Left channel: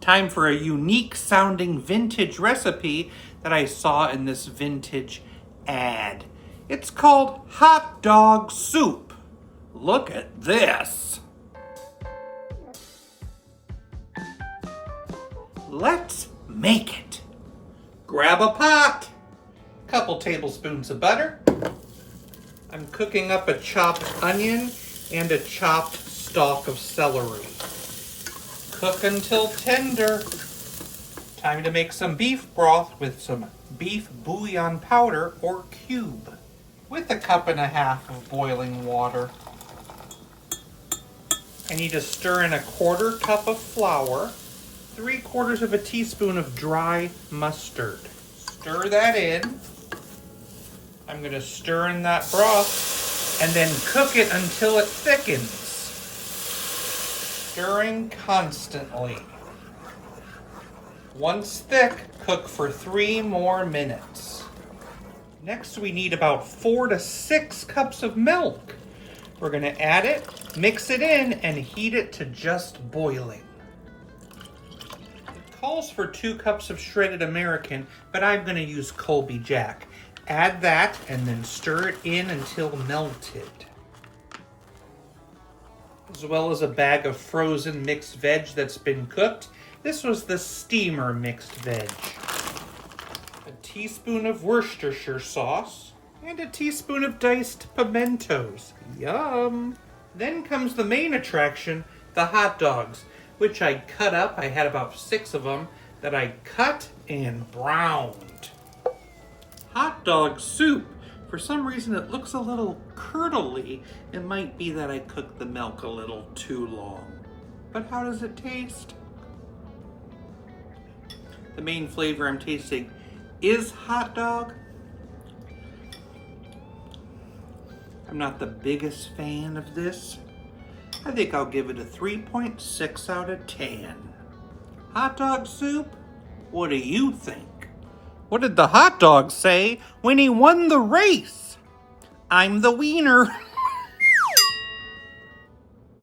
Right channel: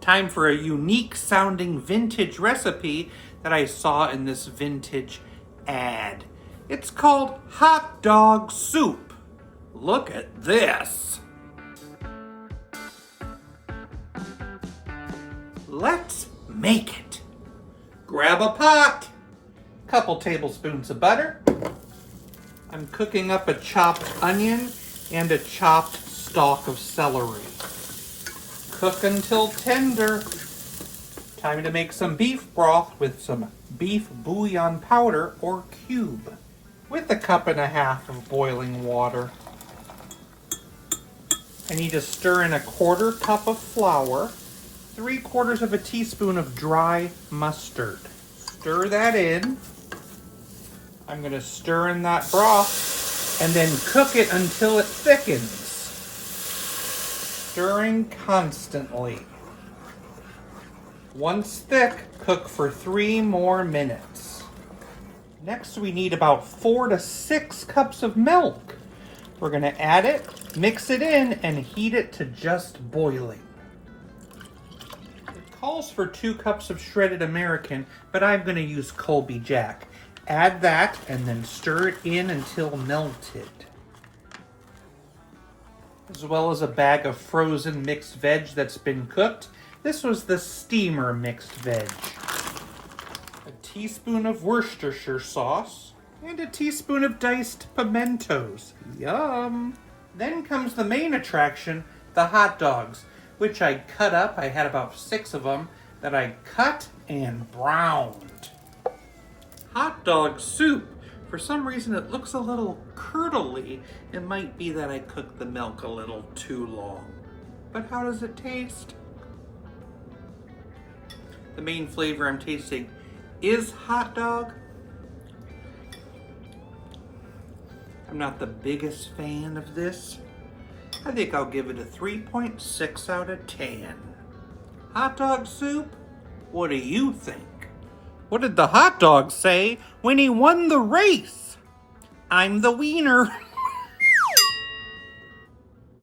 Time for a unique sounding vintage recipe that I saw in this vintage ad. It's called hot dog soup. Look at this. Let's make it. Grab a pot, couple tablespoons of butter. I'm cooking up a chopped onion and a chopped stalk of celery. Cook until tender. Time to make some beef broth with some beef bouillon powder or cube with 1.5 cups of boiling water. I need to stir in 1/4 cup of flour, 3/4 teaspoon of dry mustard. Stir that in. I'm going to stir in that broth and then cook it until it thickens. Stirring constantly. Once thick, cook for 3 more minutes. Next, we need about 4 to 6 cups of milk. We're going to add it, mix it in, and heat it to just boiling. It calls for 2 cups of shredded American, but I'm going to use Colby Jack. Add that and then stir it in until melted. As well as a bag of frozen mixed veg that's been cooked. This was the steamer mixed veg. A teaspoon of Worcestershire sauce and a teaspoon of diced pimentos. Yum! Then comes the main attraction, the hot dogs, which I cut up. I had about 6 of them that I cut and browned. Hot dog soup. For some reason it looks a little curdly. It might be that I cooked the milk a little too long. But how does it taste? The main flavor I'm tasting is hot dog. I'm not the biggest fan of this. I think I'll give it a 3.6 out of 10. Hot dog soup? What do you think? What did the hot dog say when he won the race? I'm the wiener.